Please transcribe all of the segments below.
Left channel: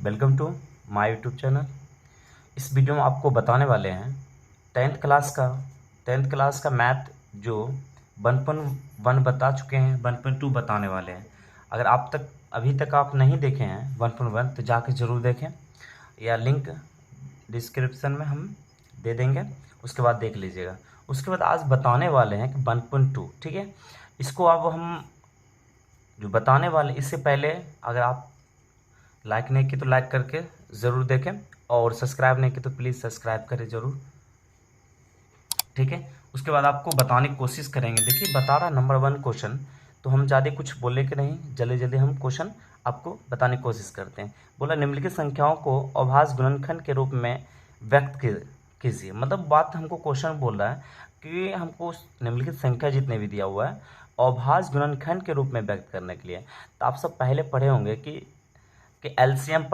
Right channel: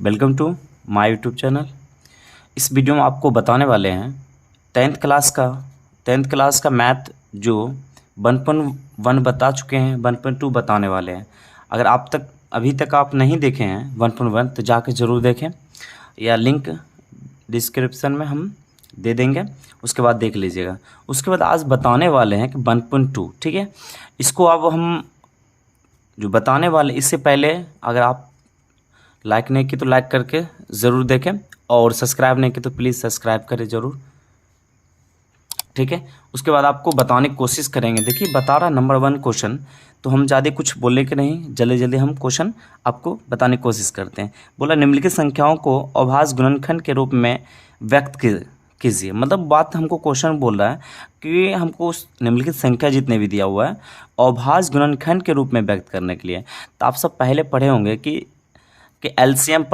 Welcome to my YouTube channel. इस video में आपको बताने वाले हैं टेंथ क्लास का मैथ जो 1.1 बता चुके हैं, 1.2 बताने वाले हैं। अगर अभी तक आप नहीं देखे हैं 1.1 तो जाके ज़रूर देखें, या लिंक डिस्क्रिप्शन में हम दे देंगे, उसके बाद देख लीजिएगा। उसके बाद आज बताने वाले हैं कि 1.2, ठीक है। इसको अब हम जो बताने वाले, इससे पहले अगर आप लाइक नहीं की तो लाइक करके ज़रूर देखें, और सब्सक्राइब नहीं की तो प्लीज़ सब्सक्राइब करें ज़रूर, ठीक है। उसके बाद आपको बताने की कोशिश करेंगे। देखिए बता रहा नंबर 1 क्वेश्चन, तो हम ज़्यादा कुछ बोलने के नहीं, जल्दी जल्दी हम क्वेश्चन आपको बताने की कोशिश करते हैं। बोला निम्नलिखित संख्याओं को अभाज्य गुणनखंड के रूप में व्यक्त कीजिए। मतलब बात हमको क्वेश्चन बोल रहा है कि हमको उस निम्नलिखित संख्या जितने भी दिया हुआ है अभाज्य गुणनखंड के रूप में व्यक्त करने के लिए। तो आप सब पहले पढ़े होंगे कि एलसीएम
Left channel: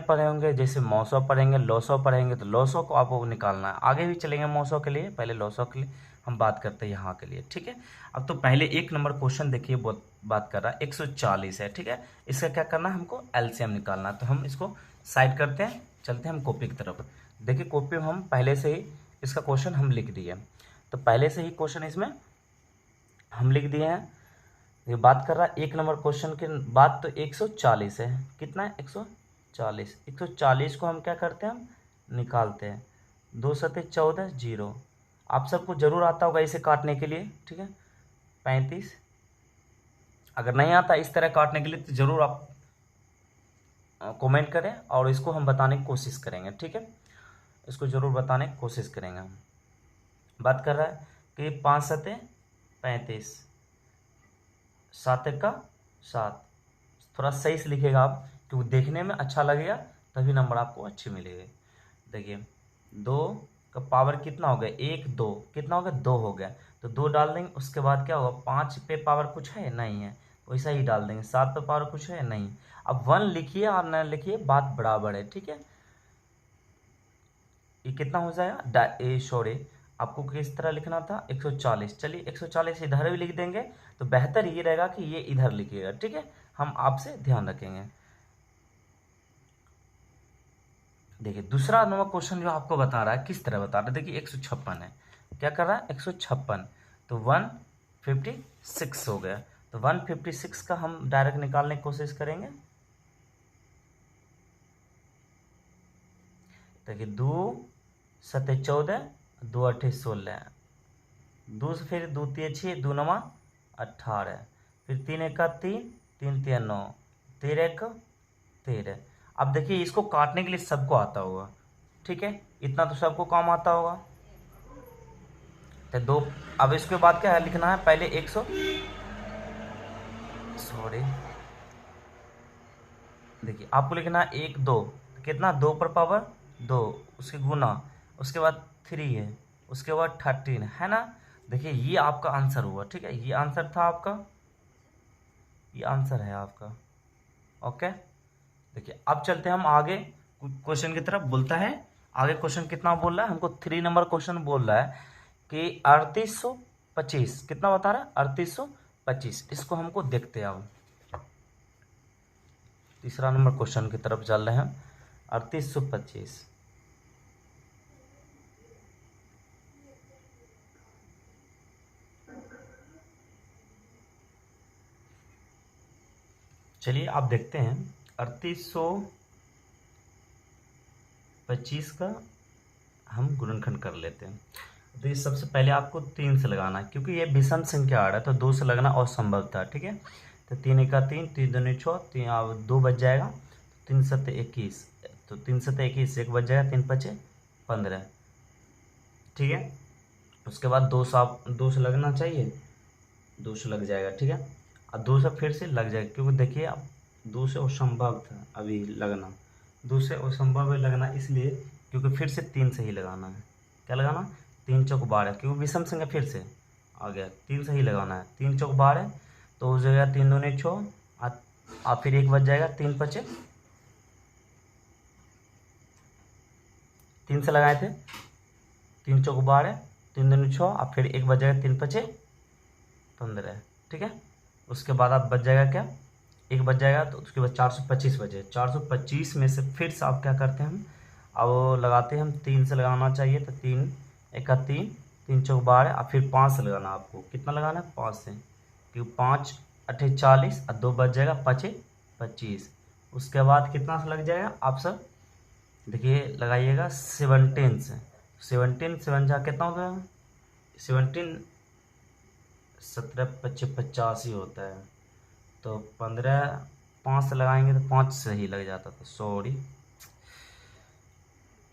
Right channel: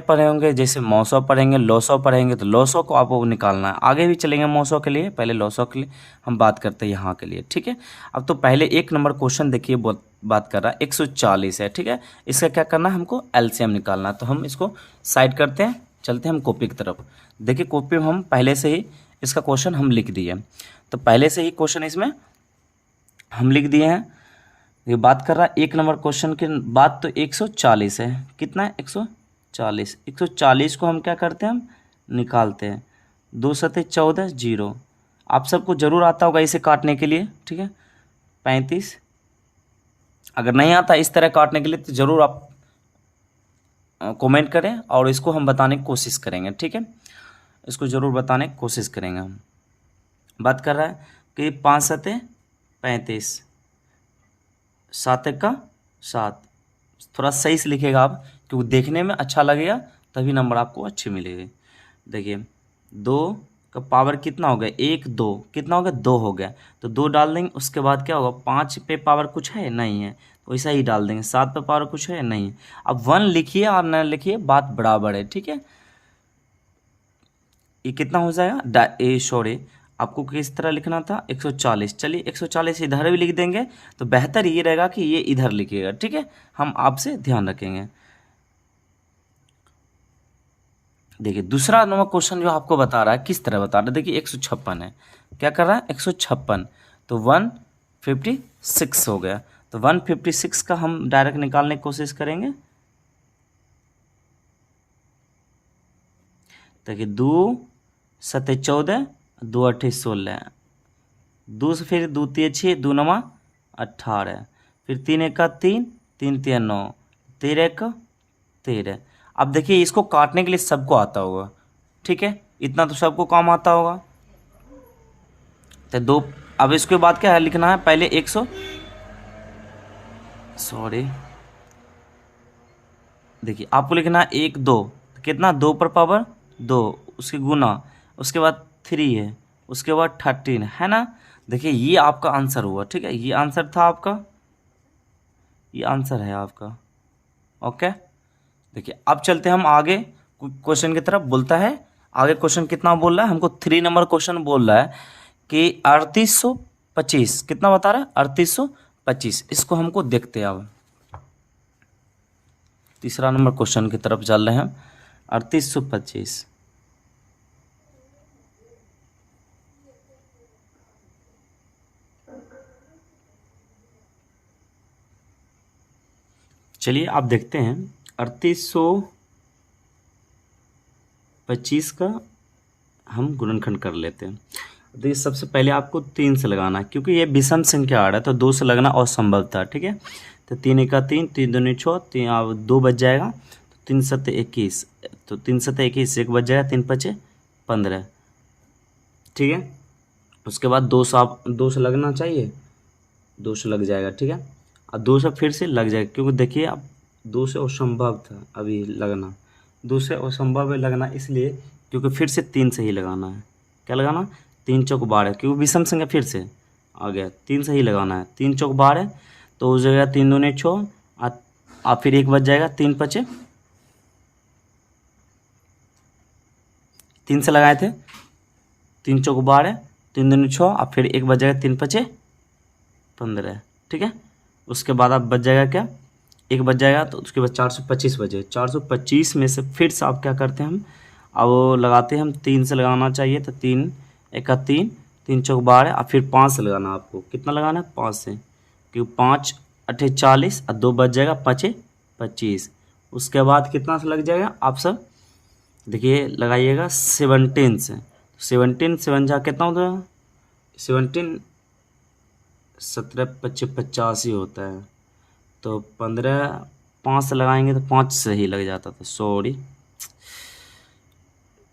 पढ़े होंगे, जैसे मौसौ पढ़ेंगे, लौसौ पढ़ेंगे, तो लौसौ को आपको निकालना है। आगे भी चलेंगे मौसौ के लिए, पहले लौसौ के लिए हम बात करते हैं यहाँ के लिए, ठीक है। अब तो पहले 1 नंबर क्वेश्चन देखिए, बात कर रहा है 140 है, ठीक है। इसका क्या करना है, हमको एलसीएम निकालना है। तो हम इसको साइड करते हैं, चलते हैं हम कॉपी की तरफ। देखिए कॉपी में हम पहले से ही इसका क्वेश्चन हम लिख दिए, तो पहले से ही क्वेश्चन इसमें हम लिख दिए हैं। ये बात कर रहा है 1 नंबर क्वेश्चन की बात, तो 140 है। कितना है, 140। 140 को हम क्या करते हैं, हम निकालते हैं। 2 सते 14, 0। आप सबको जरूर आता होगा इसे काटने के लिए, ठीक है। 35। अगर नहीं आता इस तरह काटने के लिए तो ज़रूर आप कमेंट करें, और इसको हम बताने की कोशिश करेंगे, ठीक है। इसको ज़रूर बताने की कोशिश करेंगे हम। बात कर रहा है कि 5 सते 35, 7 का 7। थोड़ा सही से लिखेगा आप, क्योंकि देखने में अच्छा लगेगा, तभी नंबर आपको अच्छे मिलेंगे। देखिए 2 का पावर कितना हो गया, 1 2, कितना हो गया, 2 हो गया। तो 2 डाल देंगे, उसके बाद क्या होगा, 5 पे पावर कुछ है नहीं है, तो वैसा ही डाल देंगे। 7 पे पावर कुछ है नहीं है। अब 1 लिखिए और न लिखिए, बात बराबर है, ठीक है। ये कितना हो जाएगा, सॉरी, आपको किस तरह लिखना था, 140। चलिए 140 इधर भी लिख देंगे, तो बेहतर ये रहेगा कि ये इधर लिखिएगा, ठीक है। हम आपसे ध्यान रखेंगे। देखिए दूसरा नंबर क्वेश्चन जो आपको बता रहा है, किस तरह बता रहा है, देखिए 156 है। क्या कर रहा है, 156, तो 156 हो गया। तो 156 का हम डायरेक्ट निकालने की कोशिश करेंगे। देखिए 2 सते 14, 2 अट्ठे 16, 2 से फिर 2 तिया 6, 2 नवा 18, फिर 3 एका 3, 3 तिया 9, 13 एक 13। अब देखिए इसको काटने के लिए सबको आता होगा, ठीक है, इतना तो सबको काम आता होगा। तो 2, अब इसके बाद क्या है लिखना है, पहले 100, सॉरी, देखिए आपको लिखना है 1 2, कितना, 2 पर पावर 2, उसके गुना, उसके बाद 3 है, उसके बाद 13 है ना। देखिए ये आपका आंसर हुआ, ठीक है, ये आंसर था आपका, ये आंसर है आपका, ओके। देखिए अब चलते हैं हम आगे क्वेश्चन की तरफ। बोलता है आगे क्वेश्चन कितना बोल रहा है, हमको 3 नंबर क्वेश्चन बोल रहा है कि 3825, कितना बता रहा है, 3825। इसको हमको देखते हैं अब। 3 नंबर क्वेश्चन की तरफ चल रहे हैं हम, 3825। चलिए आप देखते हैं 3825 का हम गुणनखंड कर लेते हैं। तो ये सबसे पहले आपको 3 से लगाना है, क्योंकि ये विषम संख्या आ रहा है, तो 2 से लगना असंभव था, ठीक है। तो 3 एका 3, 3 दूनी 6, 3 2 बच जाएगा, तो 3 सत्ते 21, तो 3 सत्ते 21, 1 बच जाएगा, 3 पचे 15, ठीक है। उसके बाद 2 से आप 2 से लगना चाहिए, 2 से लग जाएगा, ठीक है। अब 2 से फिर से लग जाएगा, क्योंकि देखिए अब 2 से असंभव था अभी लगना, 2 से असंभव है लगना, इसलिए क्योंकि फिर से 3 से ही लगाना है। क्या लगाना, 3 चौक 12, क्योंकि विषम संख्या फिर से आ गया, 3 से ही लगाना है। 3 चौक 12, तो हो जाएगा 3 दूनी 6, आप फिर 1 बच जाएगा, 3 पचे, 3 से लगाए थे, 3 चौक 12, 3 दूनी 6, आप फिर 1 बच जाएगा, 3 पचे 15, ठीक है। उसके बाद आप बच जाएगा क्या, 1 बज जाएगा, तो उसके बाद 425 बजे, 425 में से फिर से आप क्या करते हैं हम, अब वो लगाते हैं हम 3 से लगाना चाहिए, तो 3 एका 3, 3 चौक 12, और फिर 5 से लगाना, आपको कितना लगाना है 5 से, क्योंकि 5 अठे 40 और 2 बज जाएगा, 5 25। उसके बाद कितना से लग जाएगा, आप सब देखिए लगाइएगा 17 से, 17 7 जा कितना होता है, 17 17 25 85 होता है, तो 15 5 से लगाएंगे तो 5 से ही लग जाता था, सॉरी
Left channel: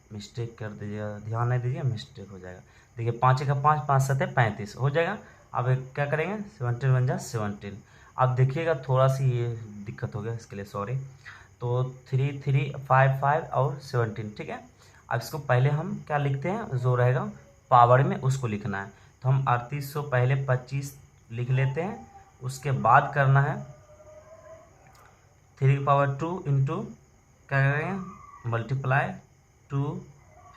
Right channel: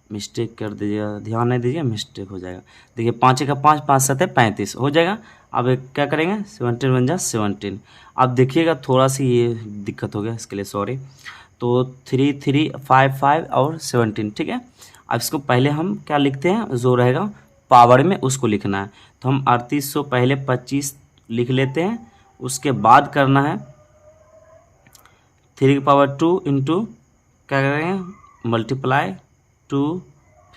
मिस्टेक कर दीजिएगा, ध्यान नहीं दीजिए, मिस्टेक हो जाएगा। देखिए 5 का 5, 5 7 35 हो जाएगा। अब एक क्या करेंगे, 17 बन जा 17। अब देखिएगा थोड़ा सी ये दिक्कत हो गया, इसके लिए सॉरी। तो 3 3 5 5 और 17, ठीक है। अब इसको पहले हम क्या लिखते हैं, जो रहेगा पावर में उसको लिखना है, तो हम 3800 पहले 25 लिख लेते हैं, उसके बाद करना है 3 की पावर 2 इंटू क्या करेंगे, मल्टीप्लाई 2,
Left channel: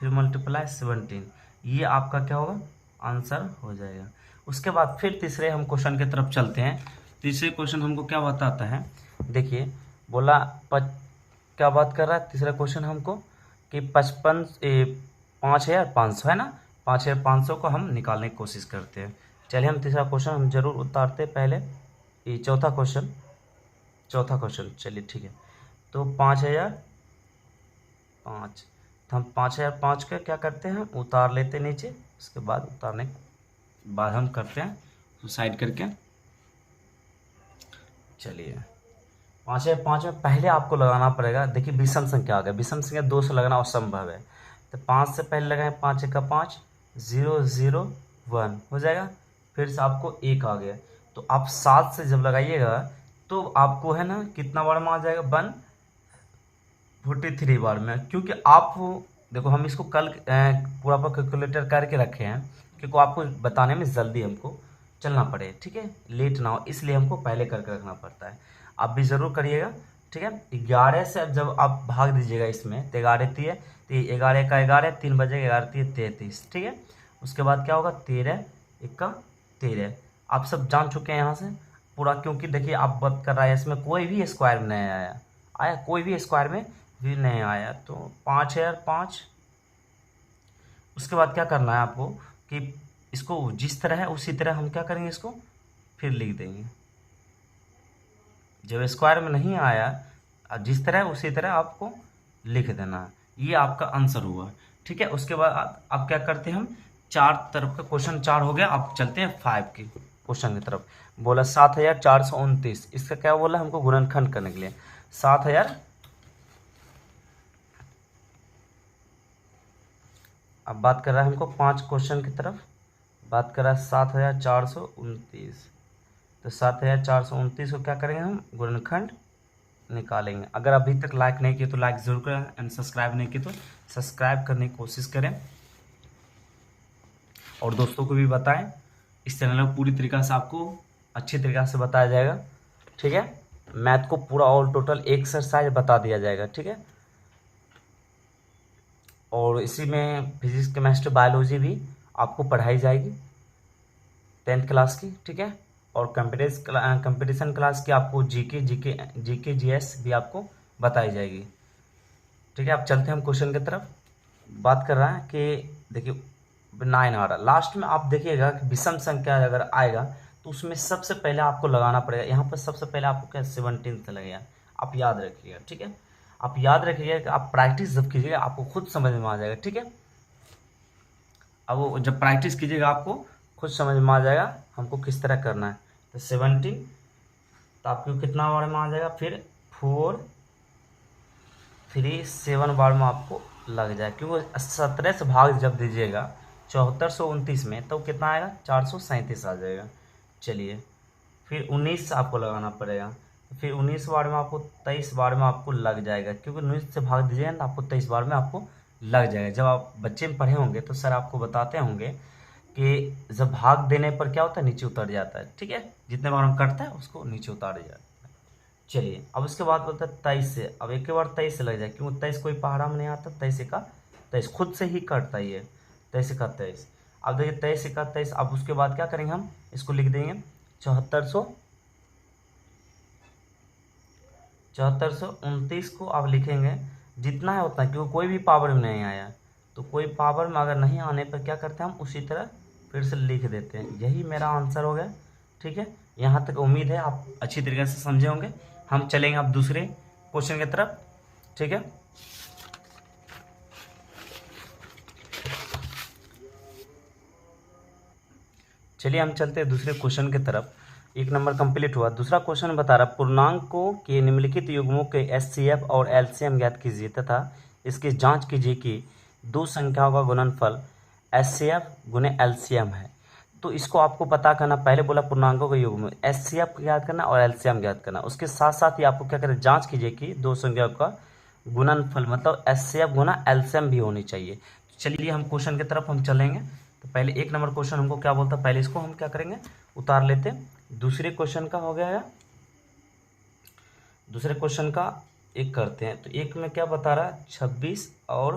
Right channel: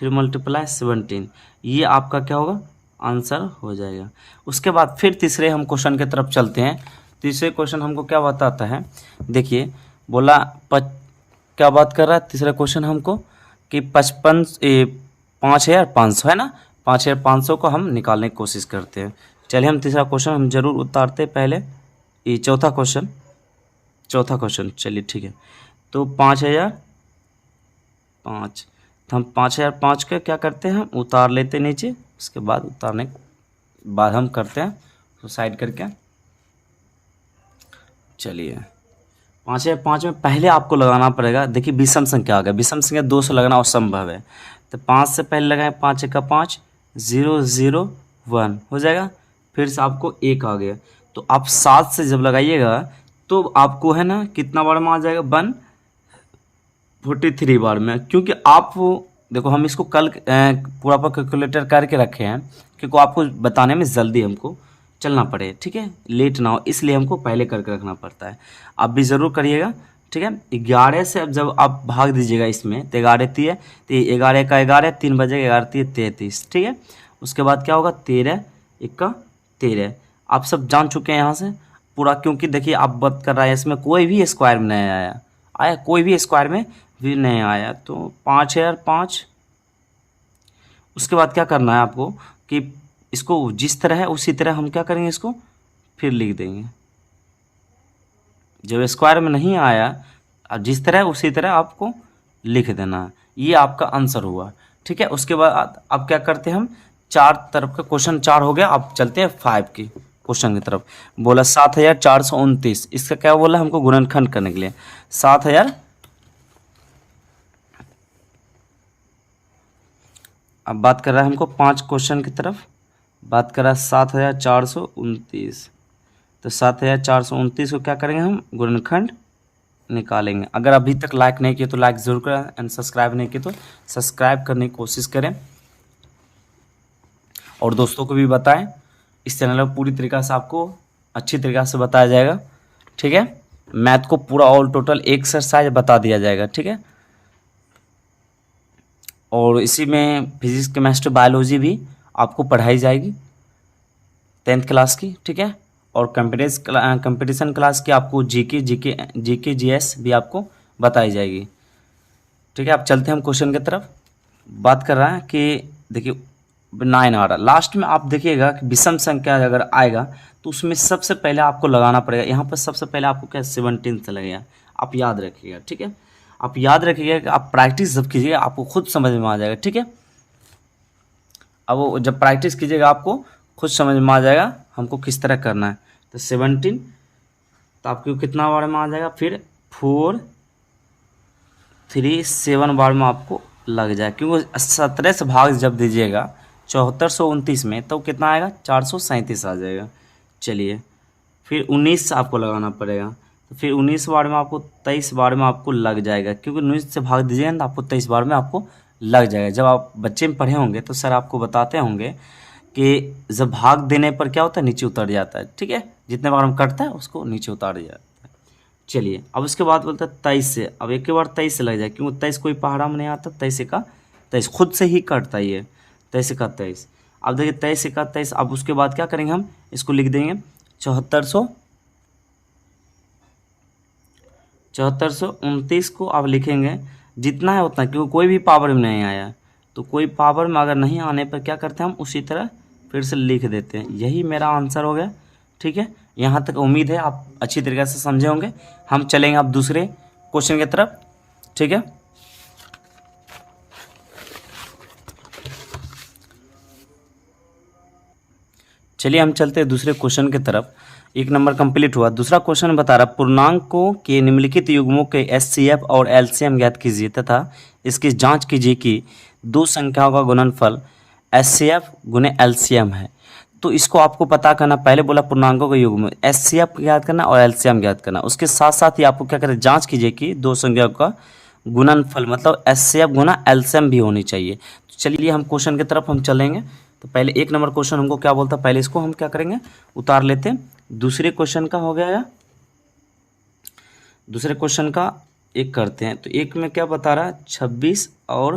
फिर मल्टीप्लाई 17, ये आपका क्या होगा, आंसर हो जाएगा। उसके बाद फिर तीसरे हम क्वेश्चन की तरफ चलते हैं। तीसरे क्वेश्चन हमको क्या बताता है, देखिए बोला क्या बात कर रहा है तीसरा क्वेश्चन हमको, कि 5,500 है ना, 5,500 को हम निकालने की कोशिश करते हैं। चलिए हम तीसरा क्वेश्चन हम जरूर उतारते हैं पहले, ये चौथा क्वेश्चन चलिए ठीक है। तो 5,005, तो हम 5,005 के क्या करते हैं, उतार लेते नीचे, उसके बाद उतारने के बाद हम करते हैं तो साइड करके। चलिए 5,005 में पहले आपको लगाना पड़ेगा, देखिए विषम संख्या आ गया, विषम संख्या 2 से लगना असंभव है, तो 5 से पहले लगाएं, 5 का 5, 0 0 1 हो जाएगा, फिर से आपको 1 आ गया, तो आप 7 से जब लगाइएगा तो आपको है ना कितना बार में आ जाएगा, 143 बार में, क्योंकि आप वो देखो हम इसको कल पूरा पर कैलकुलेटर करके रखे हैं, क्योंकि आपको बताने में जल्दी हमको चलना पड़े, ठीक है, लेट ना हो, इसलिए हमको पहले करके रखना पड़ता है। आप भी ज़रूर करिएगा, ठीक है। 11 से अब जब आप भाग दीजिएगा इसमें, तो 11 3, तो 11 का 11, 3 बजेगा, 11 3 33, ठीक है। उसके बाद क्या होगा, 13 1 13। आप सब जान चुके हैं यहाँ से पूरा, क्योंकि देखिए आप बात कर रहा है इसमें कोई भी स्क्वायर में नहीं आया कोई भी स्क्वायर में भी नहीं आया, तो 5,005। उसके बाद क्या करना है आपको, कि इसको जिस तरह है उसी तरह हम क्या करेंगे, इसको फिर लिख देंगे, जब स्क्वायर में नहीं आया अब जिस तरह उसी तरह आपको लिख देना है, ये आपका आंसर हुआ, ठीक है। उसके बाद अब क्या करते हैं हम, 4 तरफ का क्वेश्चन 4 हो गया, अब चलते हैं 5 की क्वेश्चन की तरफ। बोला 7,429, इसका क्या बोला हमको, गुणनखंड करने के लिए 7,000। अब बात कर रहा है हमको 5 क्वेश्चन की तरफ, बात कर रहा है 7,429, तो 7,429 को क्या करेंगे हम, गुणनखंड निकालेंगे। अगर अभी तक लाइक नहीं किए तो लाइक जरूर करें, एंड सब्सक्राइब नहीं किए तो सब्सक्राइब करने की कोशिश करें, और दोस्तों को भी बताएं। इस चैनल में पूरी तरीक़ा से आपको अच्छी तरीक़ा से बताया जाएगा, ठीक है। मैथ को पूरा ऑल टोटल एक्सरसाइज बता दिया जाएगा, ठीक है। और इसी में फिजिक्स केमिस्ट्री बायोलॉजी भी आपको पढ़ाई जाएगी 10th क्लास की, ठीक है। और कंपटीशन क्लास की आपको जीके जीएस भी आपको बताई जाएगी, ठीक है। अब चलते हैं हम क्वेश्चन की तरफ। बात कर रहा है कि देखिए 9 आ रहा, लास्ट में आप देखिएगा कि विषम संख्या अगर आएगा तो उसमें सबसे पहले आपको लगाना पड़ेगा, यहाँ पर सबसे पहले आपको क्या 17 से लगेगा, आप याद रखिएगा, ठीक है। आप याद रखिएगा कि आप प्रैक्टिस जब कीजिएगा आपको खुद समझ में आ जाएगा, ठीक है। अब वो जब प्रैक्टिस कीजिएगा आपको खुद समझ में आ जाएगा हमको किस तरह करना है। तो 17, तो आपको कितना बार में आ जाएगा, फिर 4 3 7 बार में आपको लग जाए, क्योंकि 17 से भाग जब दीजिएगा 7429 में, तो कितना आएगा, 437 आ जाएगा। चलिए फिर 19 आपको लगाना पड़ेगा, तो फिर 19 बार में आपको 23 बार में आपको लग जाएगा, क्योंकि 19 से भाग दीजिएगा ना तो आपको 23 बार में आपको लग जाएगा। जब आप बच्चे में पढ़े होंगे तो सर आपको बताते होंगे कि जब भाग देने पर क्या होता है, नीचे उतर जाता है, ठीक है। जितने बार हम कटता है उसको नीचे उतार दिया जाता है। चलिए अब उसके बाद बोलता है 23 से, अब एक बार 23 से लग जाए, क्योंकि 23 कोई पहाड़ा में नहीं आता, 23 का 23 खुद से ही कटता है ये, 23 का 23। अब देखिए 23 का 23, अब उसके बाद क्या करेंगे, हम इसको लिख देंगे 7400 7429 को आप लिखेंगे जितना है उतना, क्योंकि कोई भी पावर में नहीं आया, तो कोई पावर में अगर नहीं आने पर क्या करते हैं हम उसी तरह फिर से लिख देते हैं। यही मेरा आंसर हो गया। ठीक है, यहाँ तक उम्मीद है आप अच्छी तरीके से समझे होंगे। हम चलेंगे अब दूसरे क्वेश्चन की तरफ। ठीक है, चलिए हम चलते हैं दूसरे क्वेश्चन की तरफ। एक नंबर कंप्लीट हुआ। दूसरा क्वेश्चन बता रहा पूर्णांकों के निम्नलिखित युग्मों के एचसीएफ और एलसीएम ज्ञात कीजिए तथा इसकी जांच कीजिए कि दो संख्याओं का गुणनफल एचसीएफ गुने एलसीएम है। तो इसको आपको पता करना, पहले बोला पूर्णांकों के युग्म एचसीएफ ज्ञात करना और एलसीएम ज्ञात करना, उसके साथ साथ ही आपको क्या करें जांच कीजिए कि दो संख्याओं का गुणनफल मतलब एचसीएफ गुना एलसीएम भी होनी चाहिए। तो चलिए हम क्वेश्चन की तरफ हम चलेंगे। तो पहले एक नंबर क्वेश्चन हमको क्या बोलता है, पहले इसको हम क्या करेंगे उतार लेते हैं। दूसरे क्वेश्चन का हो गया, दूसरे क्वेश्चन का एक करते हैं। तो एक में क्या बता रहा है 26 और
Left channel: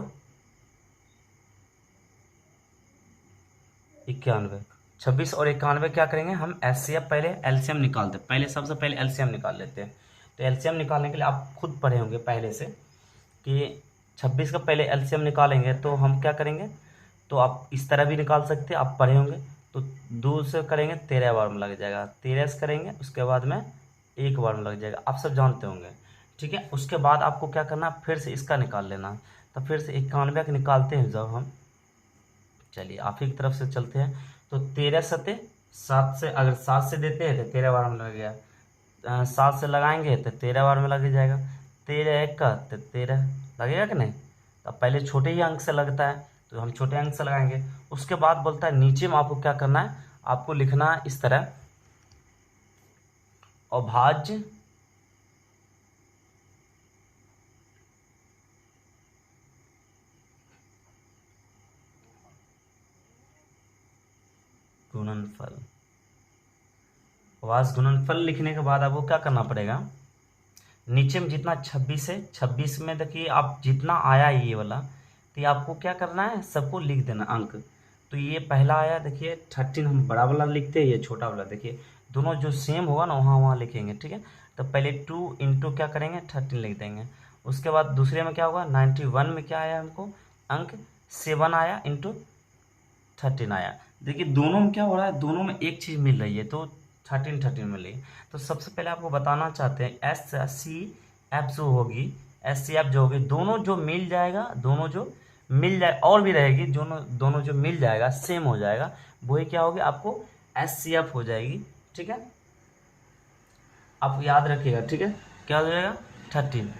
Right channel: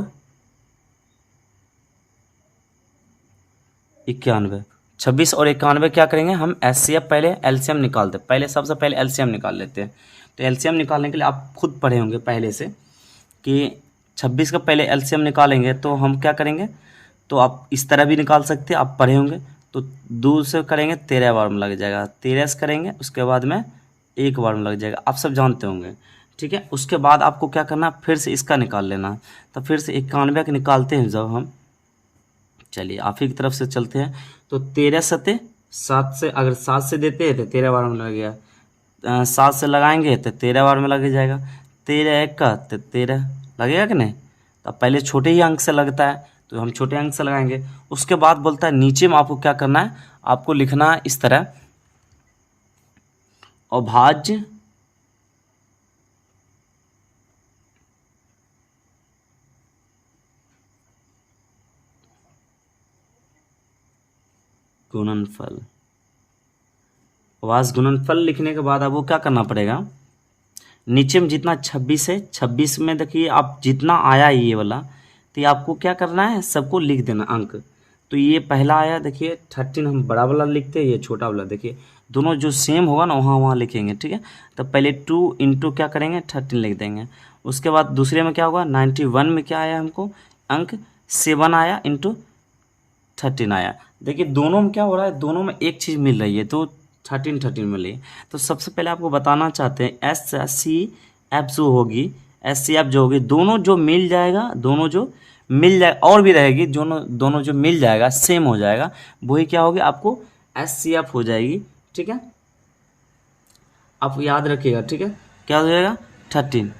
91। 26 और 91 क्या करेंगे हम एचसीएफ पहले एलसीएम निकालते हैं। पहले सबसे पहले एलसीएम निकाल लेते हैं। तो एलसीएम निकालने के लिए आप खुद पढ़े होंगे पहले से कि 26 का पहले एलसीएम निकालेंगे तो हम क्या करेंगे, तो आप इस तरह भी निकाल सकते हैं, आप पढ़े होंगे। तो 2 से करेंगे 13 बार में लग जाएगा, 13 से करेंगे उसके बाद में 1 बार में लग जाएगा, आप सब जानते होंगे। ठीक है, उसके बाद आपको क्या करना फिर से इसका निकाल लेना। तो फिर से 91 का निकालते हैं जब हम, चलिए आप ही की तरफ से चलते हैं। तो 13 सते 7 से, अगर 7 से देते हैं तो 13 बार में लग गया, 7 से लगाएंगे तो 13 बार में लग जाएगा, 13 1 का तो 13 लगेगा कि नहीं। तो पहले छोटे ही अंक से लगता है तो हम छोटे अंक से लगाएंगे। उसके बाद बोलता है नीचे में आपको क्या करना है, आपको लिखना है इस तरह अभाज्य गुणनफल। अभाज्य गुणनफल लिखने के बाद आपको क्या करना पड़ेगा, नीचे में जितना 26 है 26 में देखिए आप जितना आया ये वाला, तो ये आपको क्या करना है सबको लिख देना अंक। तो ये पहला आया देखिए 13, हम बड़ा वाला लिखते हैं, ये छोटा वाला देखिए दोनों जो सेम होगा ना वहाँ लिखेंगे। ठीक है, तो पहले 2 इंटू क्या करेंगे 13 लिख देंगे। उसके बाद दूसरे में क्या होगा 91 में क्या आया हमको अंक 7 आया इंटू 13 आया। देखिए दोनों में क्या हो रहा है, दोनों में एक चीज़ मिल रही है तो 13 मिल रही है। तो सबसे पहले आपको बताना चाहते हैं एस सी एफ जो होगी, एस सी एफ जो होगी दोनों जो मिल जाएगा, दोनों जो मिल जाए और भी रहेगी, दोनों जो मिल जाएगा सेम हो जाएगा, वही क्या होगी आपको एस सी एफ हो जाएगी। ठीक है, आप याद रखिएगा। ठीक है, क्या हो जाएगा 13।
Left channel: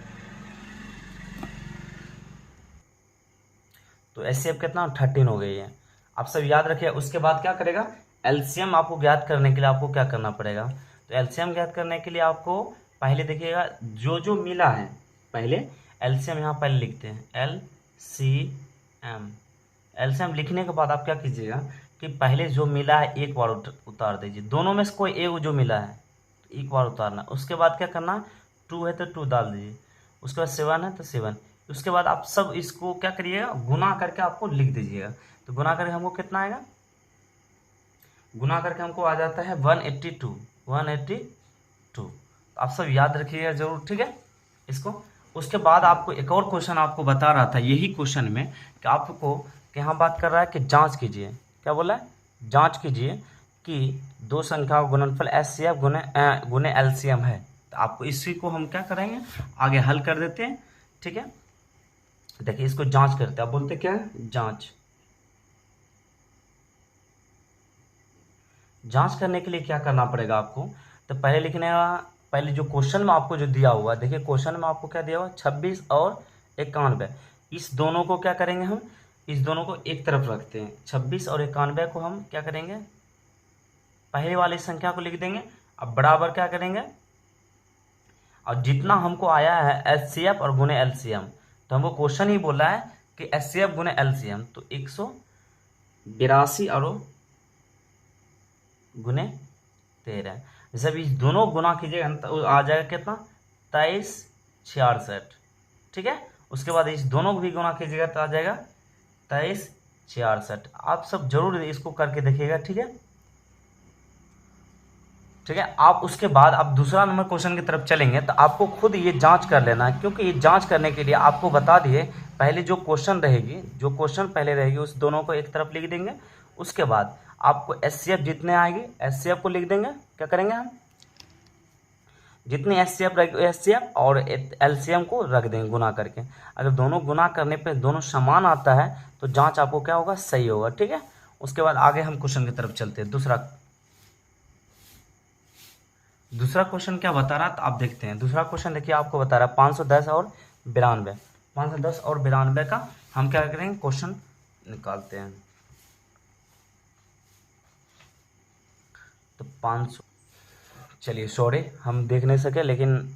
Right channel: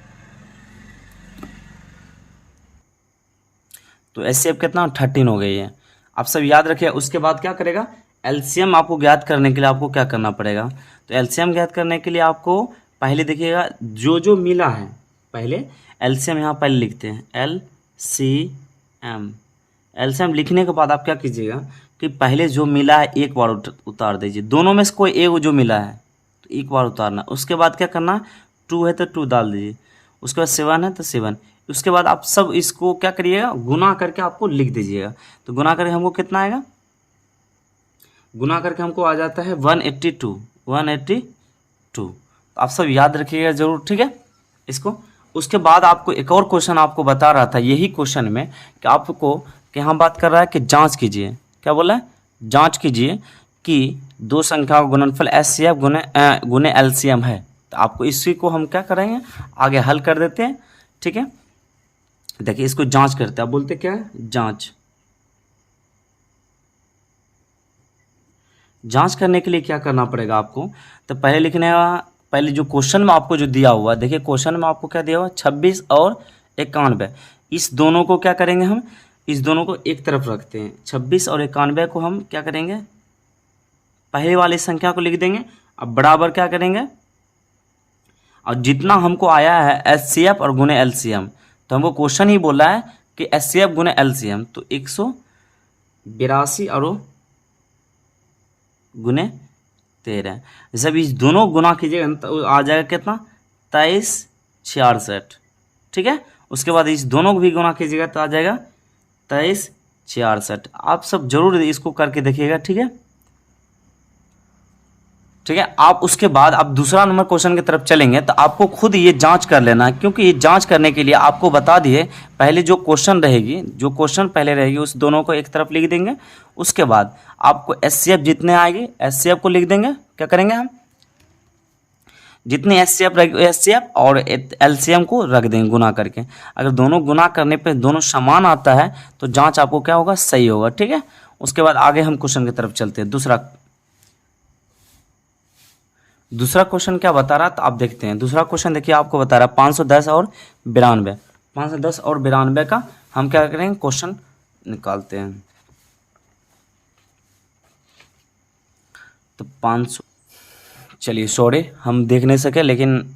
तो एस सी एफ कितना 13 हो गई है, आप सब याद रखिए। उसके बाद क्या करेगा एलसीएम आपको ज्ञात करने के लिए आपको क्या करना पड़ेगा, तो एलसीएम ज्ञात करने के लिए आपको पहले देखिएगा जो जो मिला है, पहले एलसीएम यहाँ पहले लिखते हैं एलसीएम। एलसीएम लिखने के बाद आप क्या कीजिएगा कि पहले जो मिला है एक बार उतार दीजिए, दोनों में से कोई एक जो मिला है तो एक बार उतारना। उसके बाद क्या करना 2 है तो 2 डाल दीजिए, उसके बाद 7 है तो 7। उसके बाद आप सब इसको क्या करिएगा गुना करके आपको लिख दीजिएगा। तो गुना करके हमको कितना आएगा, गुना करके हमको आ जाता है 182। आप सब याद रखिएगा जरूर। ठीक है इसको। उसके बाद आपको एक और क्वेश्चन आपको बता रहा था यही क्वेश्चन में कि आपको यहाँ बात कर रहा है कि जांच कीजिए, क्या बोला है जांच कीजिए कि दो संख्याओं का गुणनफल एचसीएफ गुने एलसीएम है। तो आपको इसी को हम क्या करेंगे आगे हल कर देते हैं। ठीक है, देखिए इसको जांच करते हैं, आप बोलते क्या है जांच। जांच करने के लिए क्या करना पड़ेगा आपको, तो पहले लिखने पहले जो क्वेश्चन में आपको जो दिया हुआ, देखिए क्वेश्चन में आपको क्या दिया हुआ 26 और 91, इस दोनों को क्या करेंगे हम, इस दोनों को एक तरफ रखते हैं। 26 और 91 को हम क्या करेंगे पहले वाली संख्या को लिख देंगे, अब बराबर क्या करेंगे और जितना हमको आया है एचसीएफ और गुने एलसीएम, तो हमको क्वेश्चन ही बोला है कि एचसीएफ गुने एलसीएम, तो 182 और गुने 13, जब इस दोनों गुना कीजिएगा तो आ जाएगा कितना 2366। ठीक है, उसके बाद इस दोनों को भी गुना कीजिएगा तो आ जाएगा 2366। आप सब जरूर इसको करके देखिएगा। ठीक है, ठीक है। आप उसके बाद आप दूसरा नंबर क्वेश्चन की तरफ चलेंगे तो आपको खुद ये जांच कर लेना है, क्योंकि ये जांच करने के लिए आपको बता दिए पहले जो क्वेश्चन रहेगी, जो क्वेश्चन पहले रहेगी उस दोनों को एक तरफ लिख देंगे। उसके बाद आपको एचसीएफ जितने आएगी एचसीएफ को लिख देंगे। क्या करेंगे हम, जितनी एचसीएफ और एलसीएम को रख देंगे गुना करके। अगर दोनों गुना करने पे दोनों समान आता है तो जांच आपको क्या होगा, सही होगा। ठीक है। उसके बाद आगे हम क्वेश्चन की तरफ चलते हैं। दूसरा क्वेश्चन क्या बता रहा था आप देखते हैं। दूसरा क्वेश्चन देखिए आपको बता रहा है 510 और 92। 510 और 92 का हम क्या करेंगे, क्वेश्चन निकालते हैं। तो 500, चलिए सॉरी हम देख नहीं सके, लेकिन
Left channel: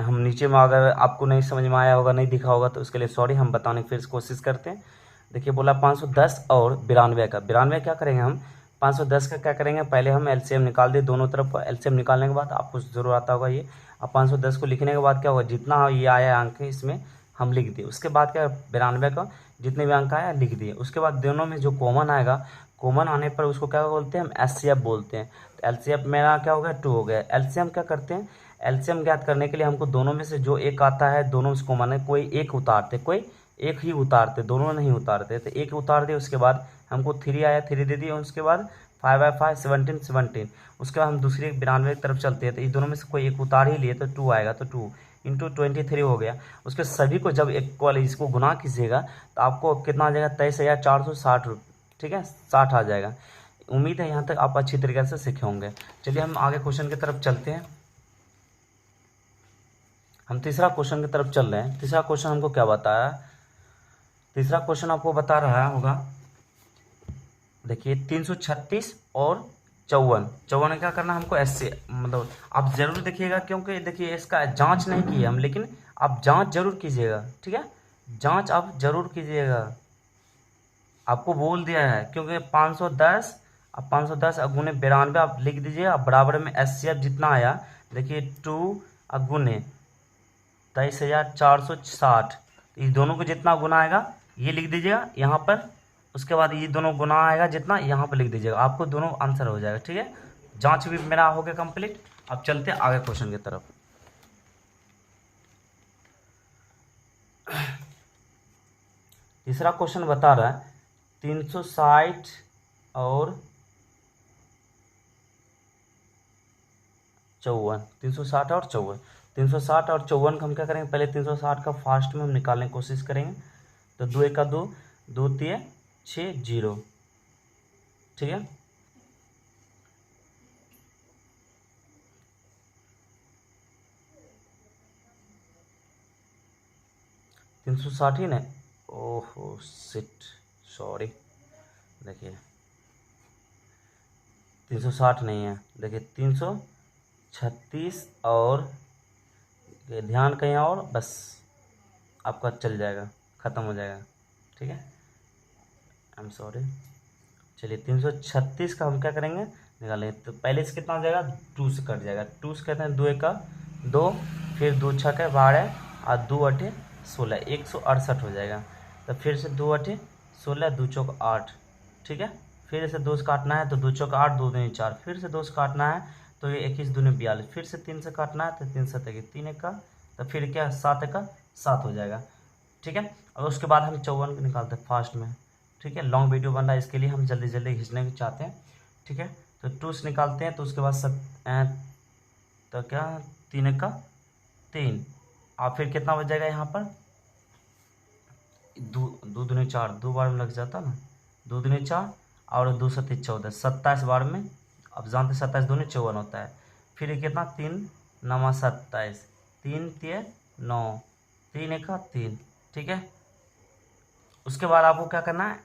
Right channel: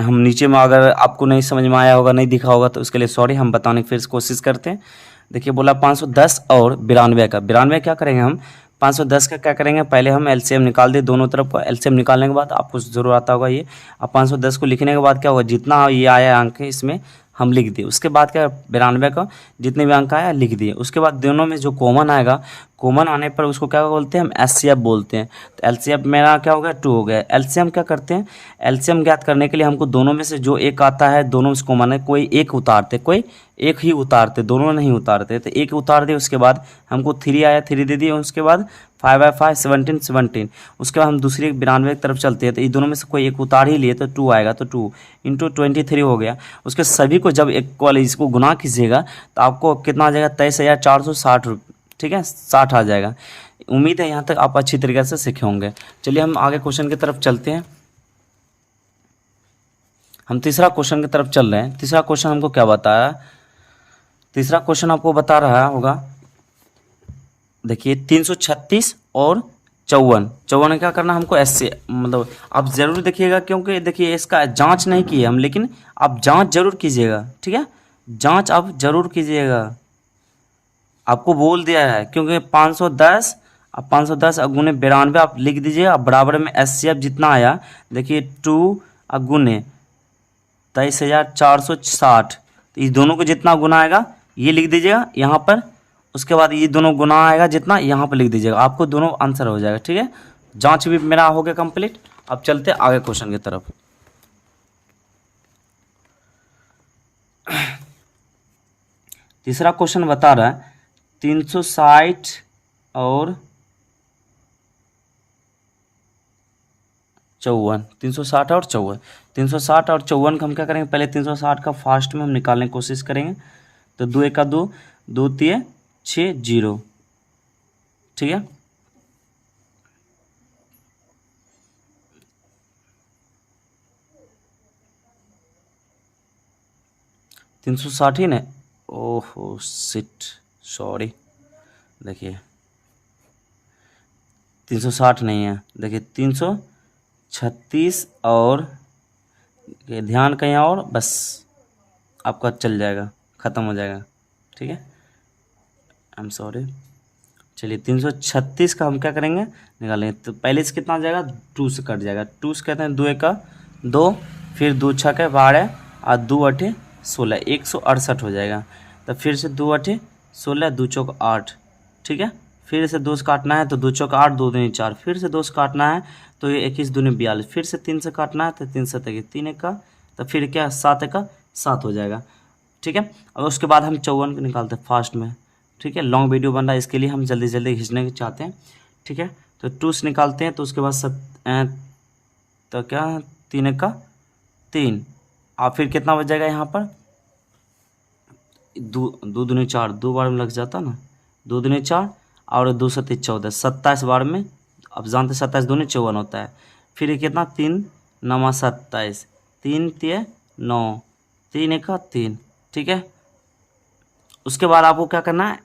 हम नीचे में अगर आपको नहीं समझ में आया होगा, नहीं दिखा होगा तो उसके लिए सॉरी। हम बताने की फिर कोशिश करते हैं। देखिए बोला 510 और 92 का। 92 क्या करेंगे हम, 510 का क्या करेंगे, पहले हम एलसीएम निकाल दें दोनों तरफ का। एलसीएम निकालने के बाद आपको जरूर आता होगा ये। अब 510 को लिखने के बाद क्या होगा, जितना ये आया अंक है इसमें हम लिख दिए। उसके बाद क्या, 92 का जितने भी अंक आया लिख दिए। उसके बाद दोनों में जो कॉमन आएगा, कॉमन आने पर उसको क्या बोलते हैं, हम एचसीएफ बोलते हैं। तो एलसीएफ मेरा क्या हो गया, 2 हो गया। एलसीएम क्या करते हैं, एलसीएम ज्ञात करने के लिए हमको दोनों में से जो एक आता है, दोनों से कॉमन है, कोई एक उतारते, कोई एक ही उतारते, दोनों नहीं उतारते। तो एक उतार दिए, उसके बाद हमको 3 आया, 3 दे दिए। उसके बाद 5 बाय 5 17 17। उसके बाद हम दूसरी 92 की तरफ चलते हैं। तो इन दोनों में से कोई एक उतार ही लिए तो 2 आएगा, तो 2 इंटू 23 हो गया। उसके सभी को जब इक्वल इसको गुना कीजिएगा तो आपको कितना आ जाएगा, 23,460। ठीक है, 60 आ जाएगा। उम्मीद है यहाँ तक आप अच्छी तरीके से सीखे होंगे। चलिए हम आगे क्वेश्चन की तरफ चलते हैं। हम तीसरा क्वेश्चन की तरफ चल रहे हैं। तीसरा क्वेश्चन हमको क्या बताया, तीसरा क्वेश्चन आपको बता रहा होगा, देखिए 336 और 54 क्या करना हमको, ऐसे मतलब आप ज़रूर देखिएगा, क्योंकि देखिए इसका जांच नहीं की है हम, लेकिन आप जांच जरूर कीजिएगा। ठीक है, जांच आप जरूर कीजिएगा, आपको बोल दिया है। क्योंकि 510 अब 510 गुने 92 आप लिख दीजिए। अब बराबर में एचसीएफ जितना आया, देखिए 2 गुने 23,460। तो इस दोनों को जितना गुना आएगा ये लिख दीजिएगा यहाँ पर। उसके बाद ये दोनों गुना आएगा जितना, यहाँ पर लिख दीजिएगा, आपको दोनों आंसर हो जाएगा। ठीक है, जांच भी मेरा हो गया कंप्लीट। अब चलते हैं आगे क्वेश्चन की तरफ। तीसरा क्वेश्चन बता रहा है 360 और 54। 360 और 54, 360 और 54 का हम क्या करेंगे, पहले 360 का फास्ट में हम निकालने की कोशिश करेंगे। तो 2 1 2, 2 3 6 0। ठीक है, तीन सौ साठ ही ना, ओहो सिट सॉरी। देखिए 360 नहीं है, देखिए 336 और ध्यान कहीं और, बस आपका चल जाएगा, ख़त्म हो जाएगा। ठीक है, आई एम सॉरी। चलिए 336 का हम क्या करेंगे, निकालेंगे। तो पहले से कितना आ जाएगा, 2 से कट जाएगा। 2 से कहते हैं 2 1 2, फिर 2 6 12 और 2 8 16, 168 हो जाएगा। तो फिर से 2 8 16, 2 4 8। ठीक है, फिर से 2 से काटना है तो 2 4 8, 2 दूनी 4, फिर से 2 से काटना है तो ये 21 दूनी 42, फिर से 3 से काटना है तो 3 से 3 1 का, तो फिर क्या 7 1 7 हो जाएगा। ठीक है, और उसके बाद हम 54 को निकालते हैं फास्ट में। ठीक है, लॉन्ग वीडियो बन रहा है, इसके लिए हम जल्दी जल्दी खींचने चाहते हैं। ठीक है, तो 2 से निकालते हैं तो उसके बाद तो क्या 3 1 3, और फिर कितना बच जाएगा यहाँ पर, 2 दूनी 4, 2 बार में लग जाता ना, 2 दूनी 4 और 2 से 14, 27 बार में। अब जानते 27 दूनी 54 होता है। फिर ये कितना 3 9 27, 3 3 9, 3 1 3। ठीक है, उसके बाद आपको क्या करना है,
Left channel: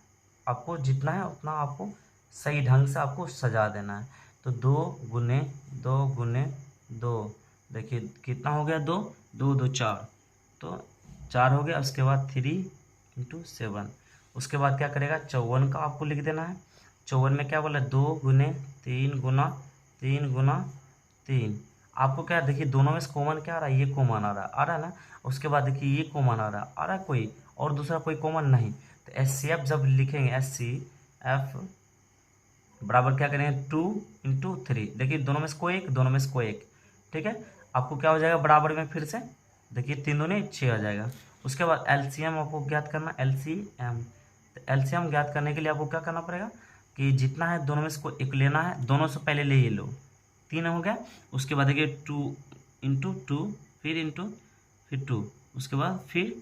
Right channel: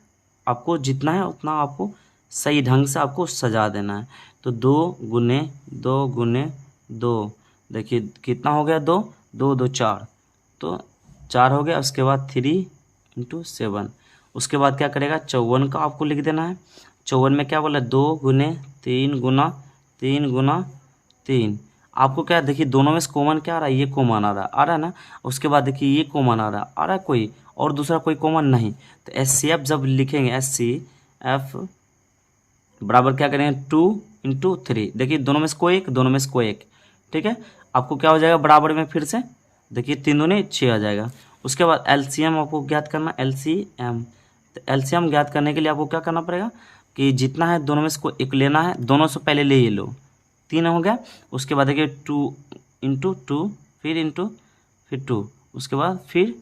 आपको जितना है उतना आपको सही ढंग से आपको सजा देना है। तो 2 गुने 2 गुने 2, देखिए कितना हो गया, 2 2 2 4, तो 4 हो गया। उसके बाद 3 इंटू 7। उसके बाद क्या करेगा, 54 का आपको लिख देना है। 54 में क्या बोला, 2 गुने 3 गुना 3 गुना 3। आपको क्या देखिए दोनों में से कॉमन क्या आ रहा है, ये कॉमन आ रहा है ना। उसके बाद देखिए ये कॉमन आ रहा है कोई, और दूसरा कोई कॉमन नहीं। तो एचसीएफ जब लिखेंगे, एचसीएफ बराबर क्या करेंगे 2 × 3। देखिए दोनों में से कोई एक, दोनों में से कोई एक, ठीक है। आपको क्या हो जाएगा बराबर में फिर से, देखिए 3 दूनी 6 आ जाएगा। उसके बाद एलसीएम आपको ज्ञात करना, एलसीएम। तो एलसीएम ज्ञात करने के लिए आपको क्या करना पड़ेगा कि जितना है दोनों में से कोई एक लेना है, दोनों से पहले ले ये लो, 3 हो गया। उसके बाद देखिए 2 × 2 फिर 2, उसके बाद फिर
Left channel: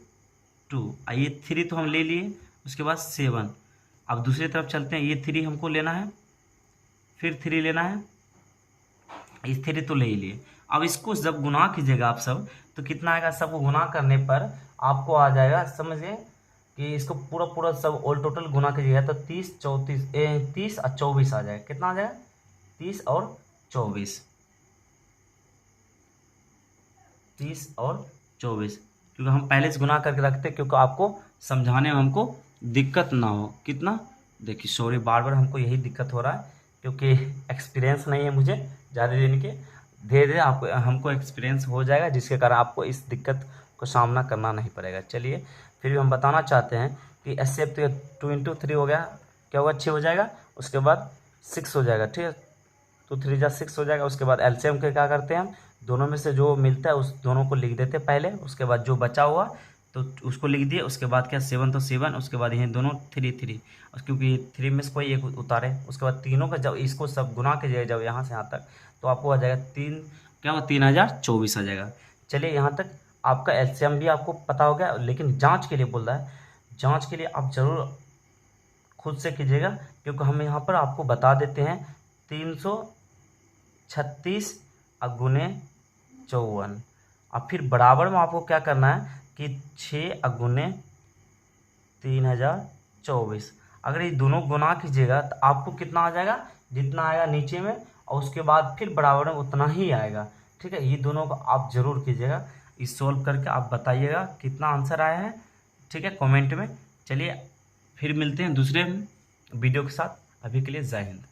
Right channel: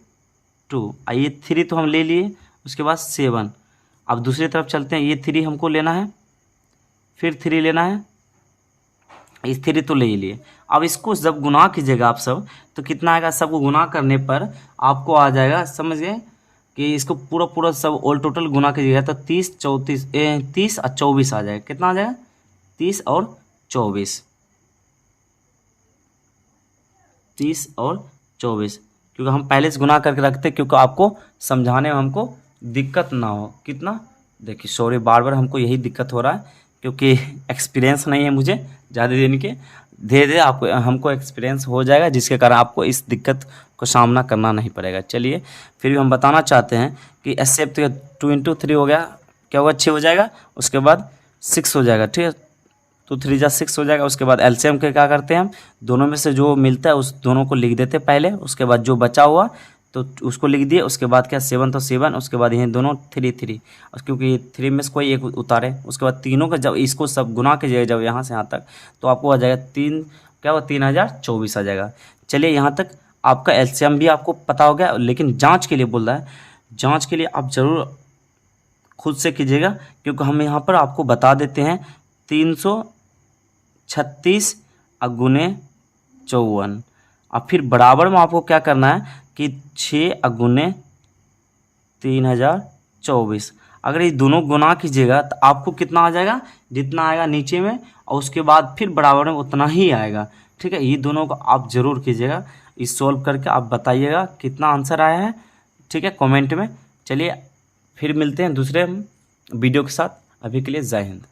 2, ये 3 तो हम ले लिए। उसके बाद 7। अब दूसरी तरफ चलते हैं, ये 3 हमको लेना है, फिर 3 लेना है, इस 3 तो ले ही लिए। अब इसको जब गुना कीजिएगा आप सब, तो कितना आएगा, सबको गुना करने पर आपको आ जाएगा, समझ गए कि इसको पूरा पूरा सब ऑल टोटल गुना कीजिएगा तो 30 और 24 आ जाएगा। कितना आ जाएगा 30 और 24, 30 और 24, क्योंकि हम पहले से गुना करके रखते हैं क्योंकि आपको समझाने में हमको दिक्कत ना हो। कितना, देखिए सॉरी बार बार हमको यही दिक्कत हो रहा है क्योंकि एक्सपीरियंस नहीं है मुझे ज़्यादा दिन के, धीरे धीरे आपको हमको एक्सपीरियंस हो जाएगा जिसके कारण आपको इस दिक्कत को सामना करना नहीं पड़ेगा। चलिए फिर भी हम बताना चाहते हैं कि एसएफ तो 2 × 3 हो गया, क्या होगा 6 हो जाएगा। उसके बाद 6 हो जाएगा, ठीक है, तो 3 × 6 हो जाएगा। उसके बाद एलसीएम के क्या करते हैं हम, दोनों में से जो मिलता है उस दोनों को लिख देते हैं पहले, उसके बाद जो बचा हुआ तो उसको लिख दिए। उसके बाद क्या 7 तो 7, उसके बाद ये दोनों 3 क्योंकि 3 में से कोई एक उतारे। उसके बाद तीनों का जब इसको सब गुना कीजिएगा जब यहाँ से यहाँ तक, तो आपको आ जाएगा 3, क्या होगा 3024 आ जाएगा। चलिए यहाँ तक आपका एलसीएम भी आपको पता हो गया, लेकिन जाँच के लिए बोल रहा है, जाँच के लिए आप ज़रूर खुद से कीजिएगा क्योंकि हम यहाँ पर आपको बता देते हैं 336 × 54। अब फिर बराबर में आपको क्या करना है कि 6 × 3024। अगर ये दोनों गुना कीजिएगा तो आपको कितना आ जाएगा, जितना आएगा नीचे में, और उसके बाद फिर बराबर में उतना ही आएगा, ठीक है। ये दोनों को आप ज़रूर कीजिएगा, इस सॉल्व करके आप बताइएगा कितना आंसर आया है, ठीक है, कमेंट में। चलिए फिर मिलते हैं दूसरे वीडियो के साथ, अभी के लिए जय हिंद।